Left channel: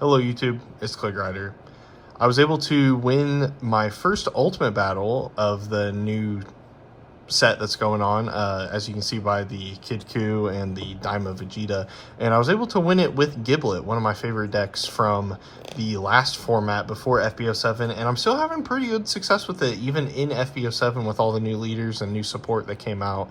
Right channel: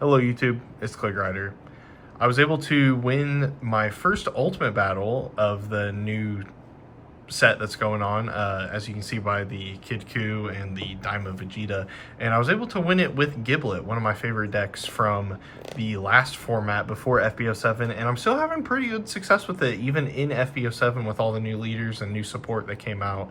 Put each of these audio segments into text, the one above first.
Hello YouTube, it's Click Rider. I was able to win my first Ultimate Battle of the new set that's going on, as you can see by the Kid Ku and the Daima Vegeta, and I was able to win it with Giblet, one of my favorite decks from the last format before FB07, and I'm still having pretty good success with it, even in FB07 with all the new leaders and new support that came out.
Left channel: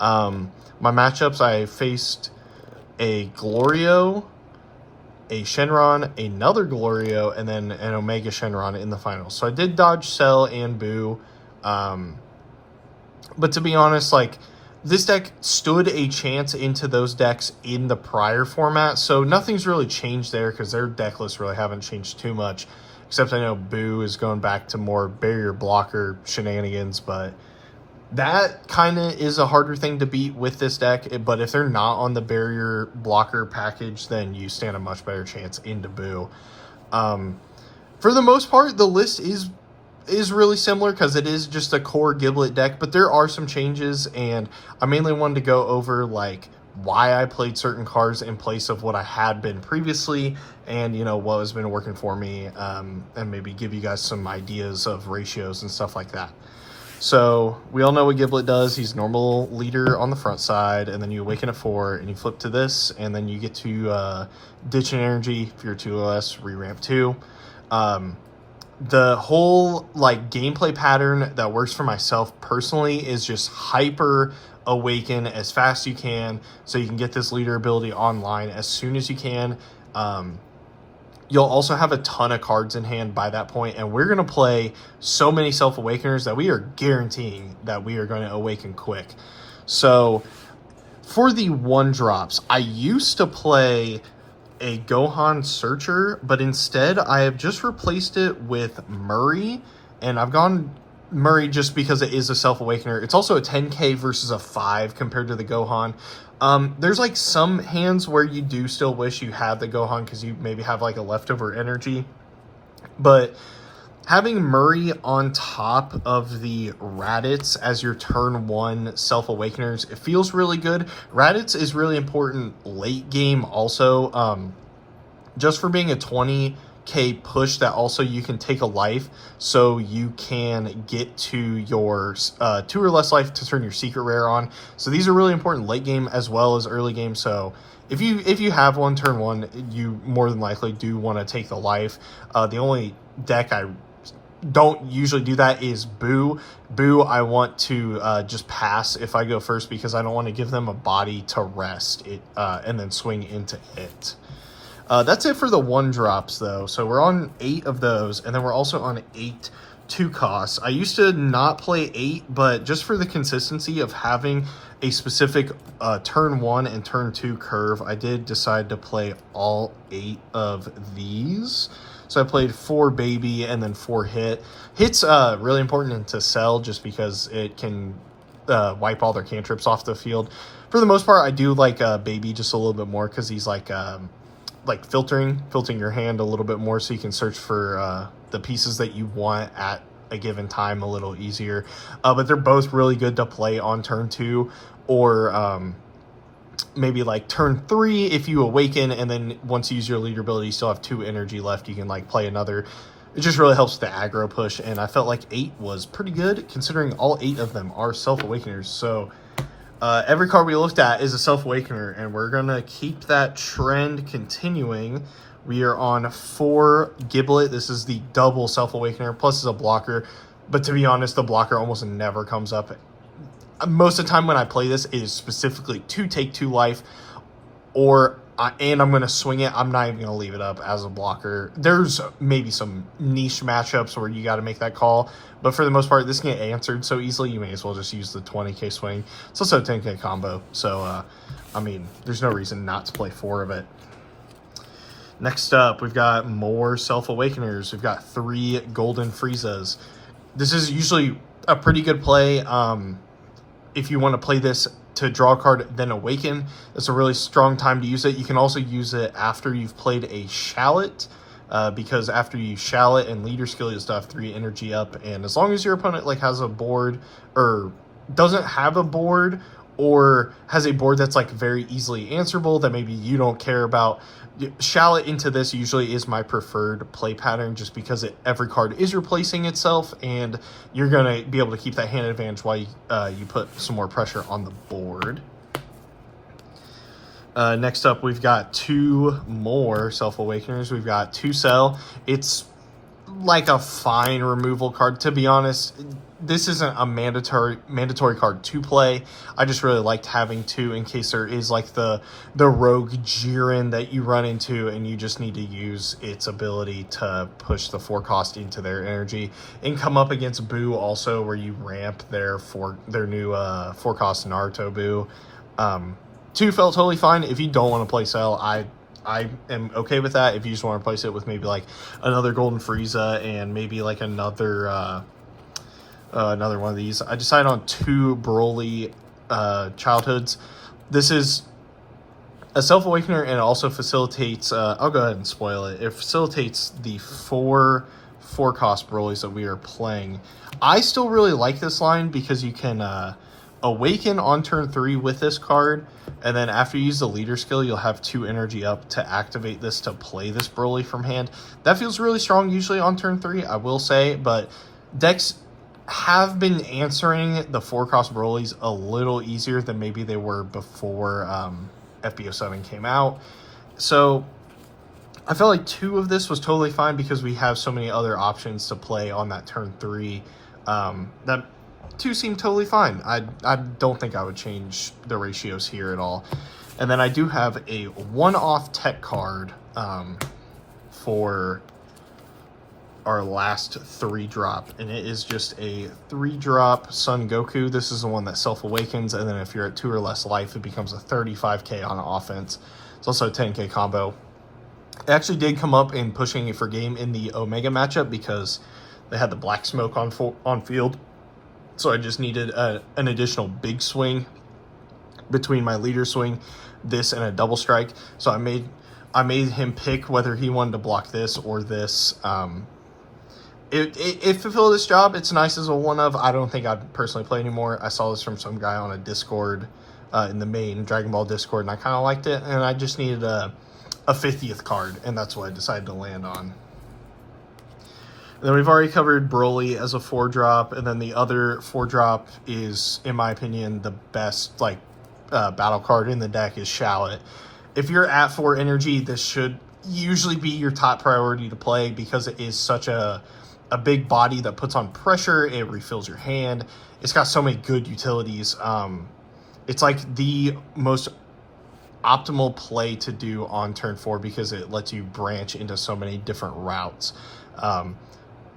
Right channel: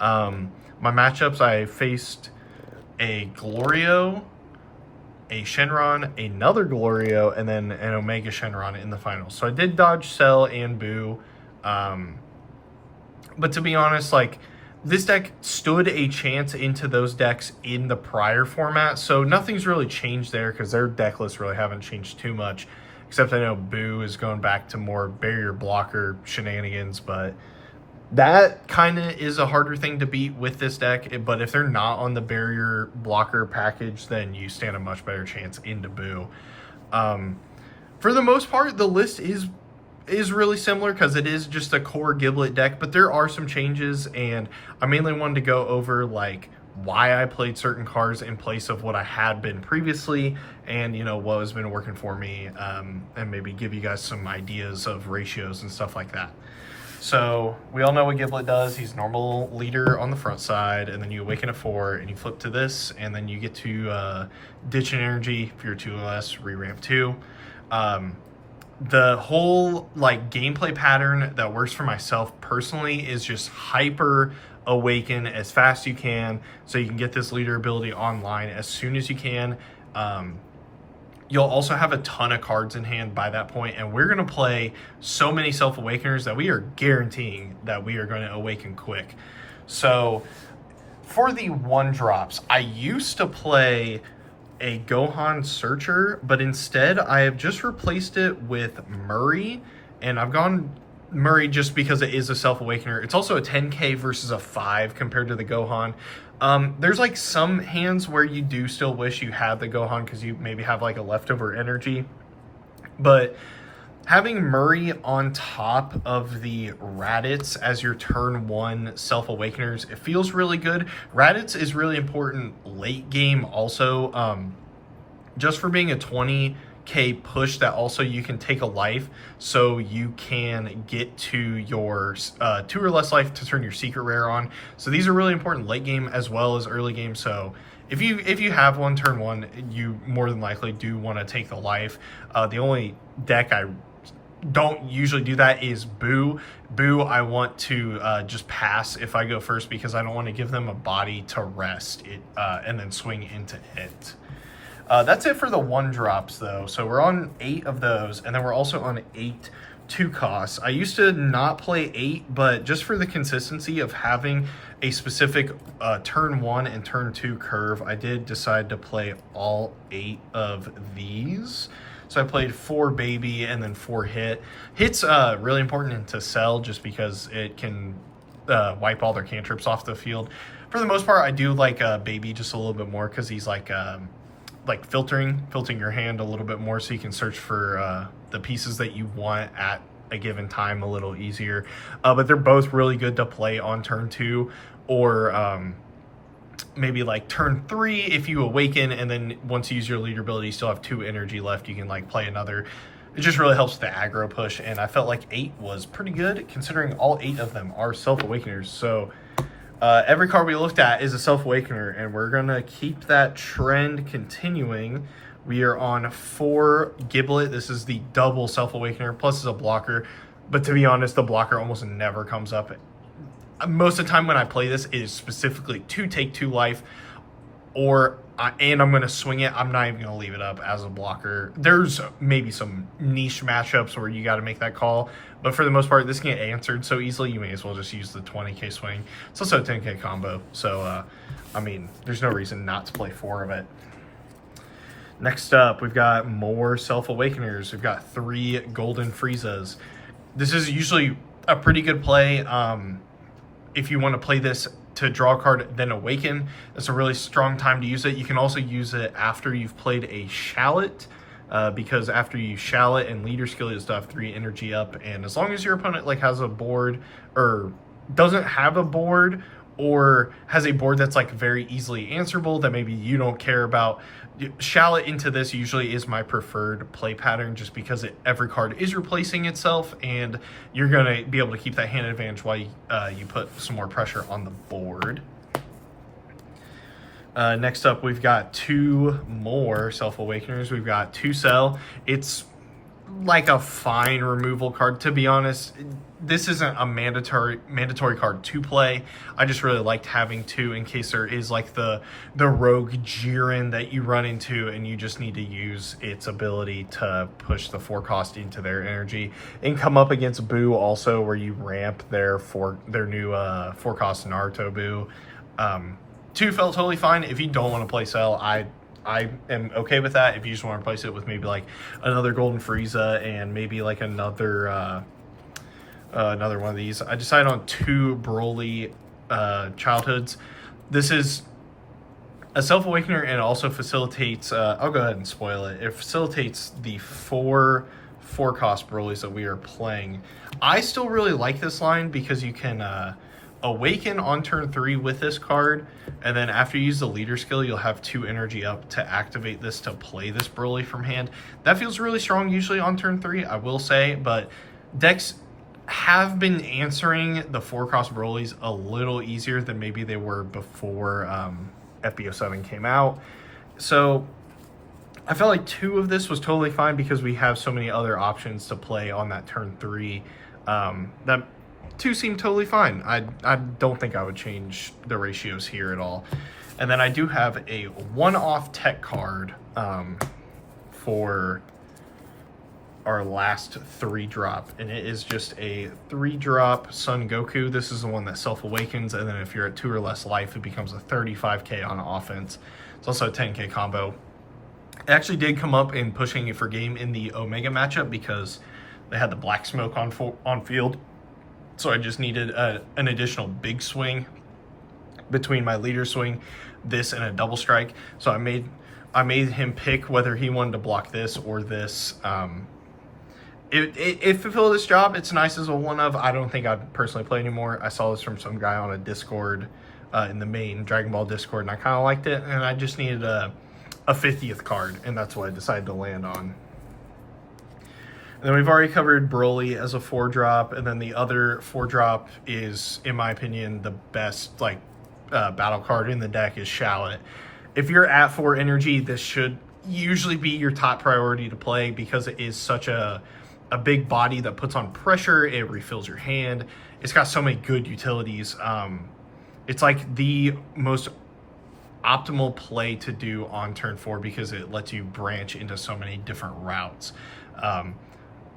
My matchups, I faced a Glorio, a Shenron, another Glorio, and then an Omega Shenron in the finals. So I did dodge Cell and Boo. But to be honest, like, this deck stood a chance into those decks in the prior format. So nothing's really changed there because their deck lists really haven't changed too much. Except I know Boo is going back to more barrier blocker shenanigans, but that kind of is a harder thing to beat with this deck, but if they're not on the barrier blocker package, then you stand a much better chance into Boo. For the most part, the list is really similar because it is just a core Giblet deck, but there are some changes, and I mainly wanted to go over like why I played certain cards in place of what I had been previously, and you know what has been working for me, and maybe give you guys some ideas of ratios and stuff like that. So we all know what Giblet does. He's normal leader on the front side, and then you awaken at 4, and you flip to this, and then you get to ditch an energy if you're 2 or less, re-ramp 2. The whole like gameplay pattern that works for myself personally is just hyper awaken as fast as you can, so you can get this leader ability online as soon as you can. You'll also have a ton of cards in hand by that point, and we're going to play so many Self-Awakeners that we are guaranteeing that we are going to awaken quick. So for the 1-drops, I used to play a Gohan Searcher, but instead I have just replaced it with Murray, and I've gone Murray just because it is a Self-Awakener. It's also a 10k versus a 5 compared to the Gohan. There's like some hands where you do still wish you had the Gohan because you maybe have like a leftover energy, but having Murray on top of the Raditz as your turn 1 Self-Awakeners, it feels really good. Raditz is really important late game also, just for being a 20k push that also you can take a life, so you can get to your 2 or less life to turn your secret rare on. So these are really important late game as well as early game. So if you have one turn 1, you more than likely do want to take the life. The only deck I don't usually do that is Boo. I want to just pass if I go first because I don't want to give them a body to rest it and then swing into it. That's it for the 1-drops though. So we're on 8 of those, and then we're also on 8 2 costs. I used to not play 8, but just for the consistency of having a specific turn 1 and turn 2 curve, I did decide to play all 8 of these. So I played 4 baby and then 4 hit. Hit's really important into Cell just because it can wipe all their cantrips off the field. For the most part, I do like baby just a little bit more because he's like filtering your hand a little bit more, so you can search for the pieces that you want at a given time a little easier. But they're both really good to play on turn 2 or maybe like turn 3 if you awaken, and then once you use your leader ability you still have 2 energy left, you can like play another. It just really helps with the aggro push, and I felt like 8 was pretty good considering all 8 of them are Self-Awakeners. So every card we looked at is a Self-Awakener, and we're going to keep that trend continuing. We are on 4 Giblet. This is the double Self-Awakener, plus is a blocker. But to be honest, the blocker almost never comes up. Most of the time when I play this, it is specifically to take 2 life, and I'm going to swing it. I'm not even going to leave it up as a blocker. There's maybe some niche matchups where you got to make that call, but for the most part, this can get answered so easily, you may as well just use the 20k swing. It's also a 10k combo, so, I mean, there's no reason not to play 4 of it. Next up, we've got more Self-Awakeners. We've got 3 Golden Friezas. This is usually a pretty good play. If you want to play this to draw a card, then awaken, it's a really strong time to use it. You can also use it after you've played a Shallot, because after you Shallot and leader skill, you still have 3 energy up, and as long as your opponent like has a board or doesn't have a board, or has a board that's like very easily answerable that maybe you don't care about, Shallot into this usually is my preferred play pattern, just because every card is replacing itself, and you're going to be able to keep that hand advantage while you put some more pressure on the board. Next up, we've got 2 more Self-Awakeners. We've got 2 Cell. It's like a fine removal card, to be honest. This isn't a mandatory card to play. I just really liked having 2 in case there is like the rogue Jiren that you run into and you just need to use its ability to push the 4 cost into their energy, and come up against Boo also, where you ramp their new 4 cost Naruto Boo. 2 felt totally fine. If you don't want to play Cell, I am okay with that. If you just want to replace it with maybe like another Golden Frieza and maybe like another one of these. I decided on 2 Broly Childhoods. This is a Self-Awakener, and it also facilitates, I'll go ahead and spoil it. It facilitates the 4 cost Brolys that we are playing. I still really like this line because you can awaken on turn 3 with this card, and then after you use the leader skill, you'll have 2 energy up to activate this to play this Broly from hand. That feels really strong usually on turn 3, I will say, but decks have been answering the 4 cost Brolys a little easier than maybe they were before FB07 came out. So I felt like 2 of this was totally fine because we have so many other options to play on that turn 3. That 2 seemed totally fine. I don't think I would change the ratios here at all. And then I do have a one-off tech card for our last 3-drop, and it is just a 3-drop Son Goku. This is the one that Self-Awakens, and then if you're at 2 or less life, it becomes a 35k on offense. It's also a 10k combo. It actually did come up in pushing it for game in the Omega matchup because they had the Black Smoke on field. So I just needed an additional big swing between my leader swing, this, and a double strike. So I made him pick whether he wanted to block this or this. It fulfilled its job. It's nice as a one-of. I don't think I'd personally play anymore. I saw this from some guy on a Discord in the main Dragon Ball Discord, and I kind of liked it. And I just needed a 50th card, and that's what I decided to land on. And then we've already covered Broly as a 4-drop, and then the other 4-drop is, in my opinion, the best battle card in the deck is Shallot. If you're at 4 energy, this should usually be your top priority to play because it is such a big body that puts on pressure. It refills your hand. It's got so many good utilities. It's like the most optimal play to do on turn 4 because it lets you branch into so many different routes.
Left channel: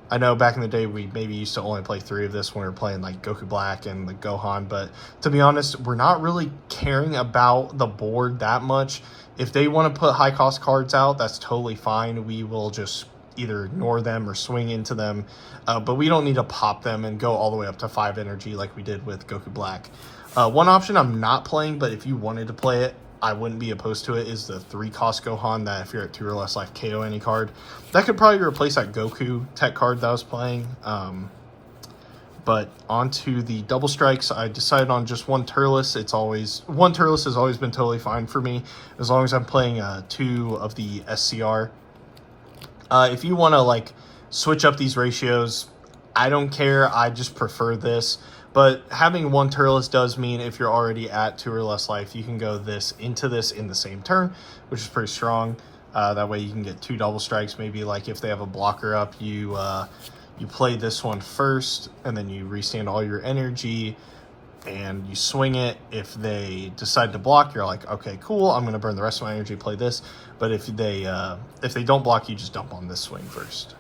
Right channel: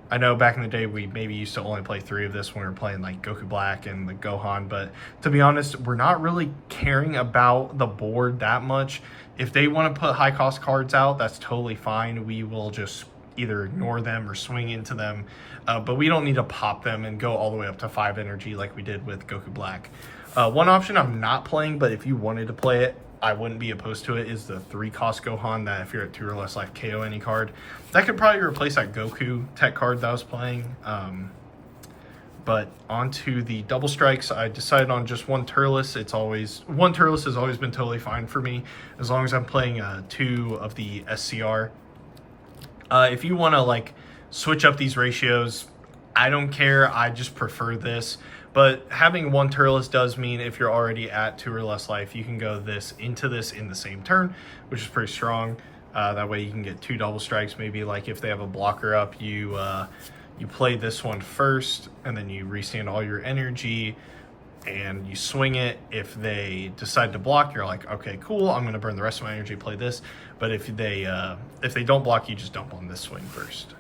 I know back in the day we maybe used to only play 3 of this when we were playing like Goku Black and the Gohan, but to be honest, we're not really caring about the board that much. If they want to put high cost cards out, that's totally fine. We will just either ignore them or swing into them, but we don't need to pop them and go all the way up to 5 energy like we did with Goku Black. One option I'm not playing, but if you wanted to play it, I wouldn't be opposed to it, is the 3 cost Gohan that if you're at 2 or less life, KO any card. That could probably replace that Goku tech card that I was playing. But onto the double strikes, I decided on just 1 Turles. One Turles has always been totally fine for me as long as I'm playing 2 of the SCR. If you want to switch up these ratios, I don't care. I just prefer this. But having 1 Turles does mean if you're already at 2 or less life, you can go into this in the same turn, which is pretty strong. That way you can get 2 double strikes. Maybe like if they have a blocker up, you play this one first, and then you restand all your energy, and you swing it. If they decide to block, you're like, okay, cool, I'm going to burn the rest of my energy, play this. But if they don't block, you just dump on this swing first.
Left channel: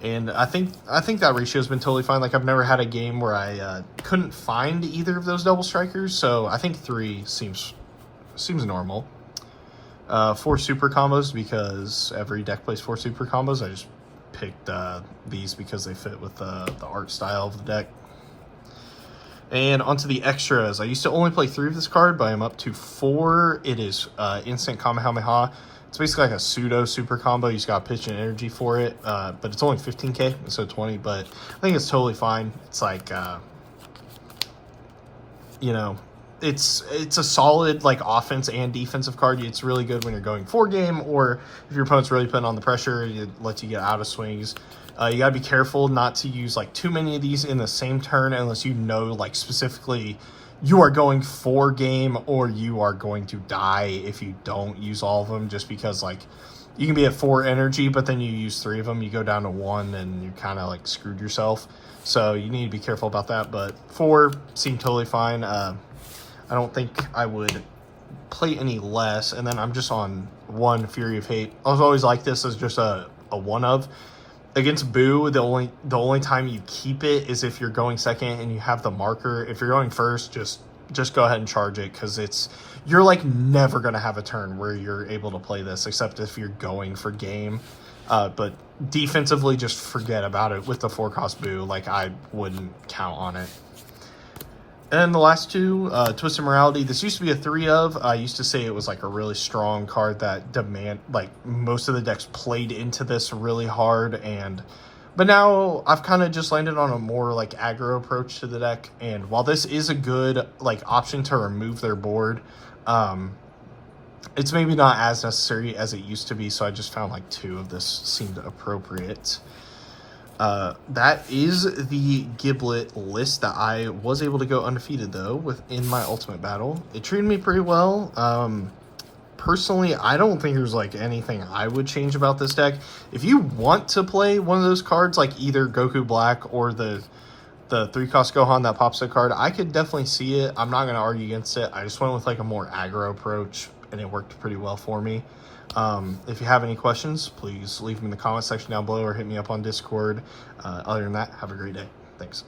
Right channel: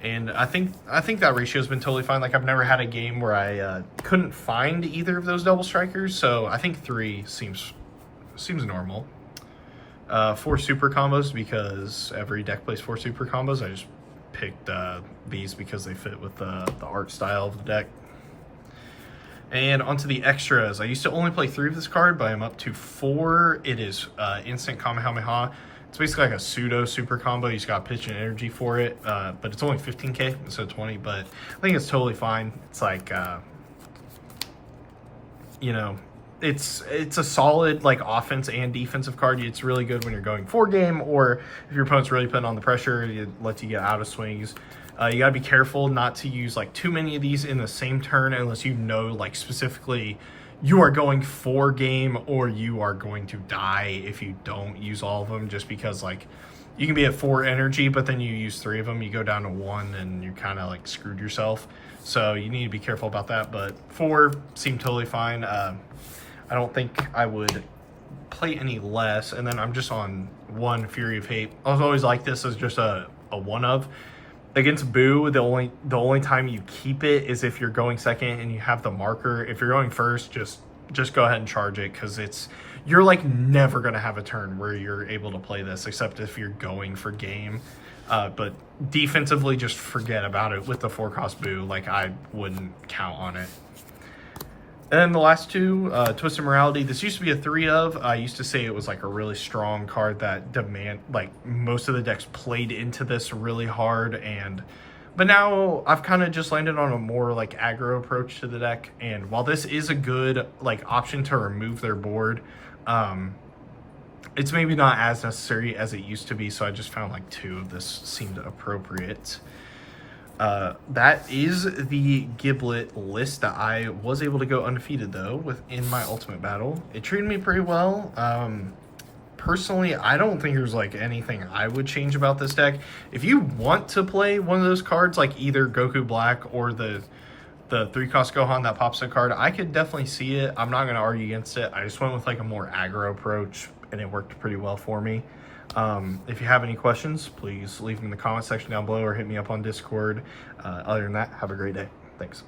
And I think that ratio has been totally fine. I've never had a game where I couldn't find either of those double strikers, so I think 3 seems normal. 4 super combos because every deck plays 4 super combos. I just picked these because they fit with the art style of the deck. And onto the extras. I used to only play 3 of this card, but I'm up to 4. It is instant Kamehameha. It's basically like a pseudo super combo. You just got pitch and energy for it, but it's only 15k instead of 20. But I think it's totally fine. It's it's a solid like offense and defensive card. It's really good when you're going 4-game, or if your opponent's really putting on the pressure, it lets you get out of swings. You gotta be careful not to use like too many of these in the same turn unless you know like specifically you are going 4-game or you are going to die if you don't use all of them, just because like you can be at 4 energy, but then you use 3 of them, you go down to 1 and you're kind of like screwed yourself. So you need to be careful about that, but 4 seem totally fine. I don't think I would play any less. And then I'm just on 1 Fury of Hate. I was always like this as just a 1 of. Against Boo, the only time you keep it is if you're going second and you have the marker. If you're going first, just go ahead and charge it, because you're like never gonna have a turn where you're able to play this except if you're going for game. But defensively, just forget about it with the 4-cost Boo. Like, I wouldn't count on it. And then the last 2, Twisted Morality. This used to be a 3 of. I used to say it was like a really strong card that like most of the decks played into this really hard. But now I've kind of just landed on a more like aggro approach to the deck. And while this is a good like option to remove their board, it's maybe not as necessary as it used to be. So I just found like 2 of this seemed appropriate. That is the Giblet list that I was able to go undefeated though within my Ultimate Battle. It treated me pretty well. Personally, I don't think there's like anything I would change about this deck. If you want to play one of those cards, like either Goku Black or the 3-cost Gohan that pops a card, I could definitely see it. I'm not going to argue against it. I just went with like a more aggro approach and it worked pretty well for me. If you have any questions, please leave them in the comment section down below or hit me up on Discord. Other than that, have a great day. Thanks.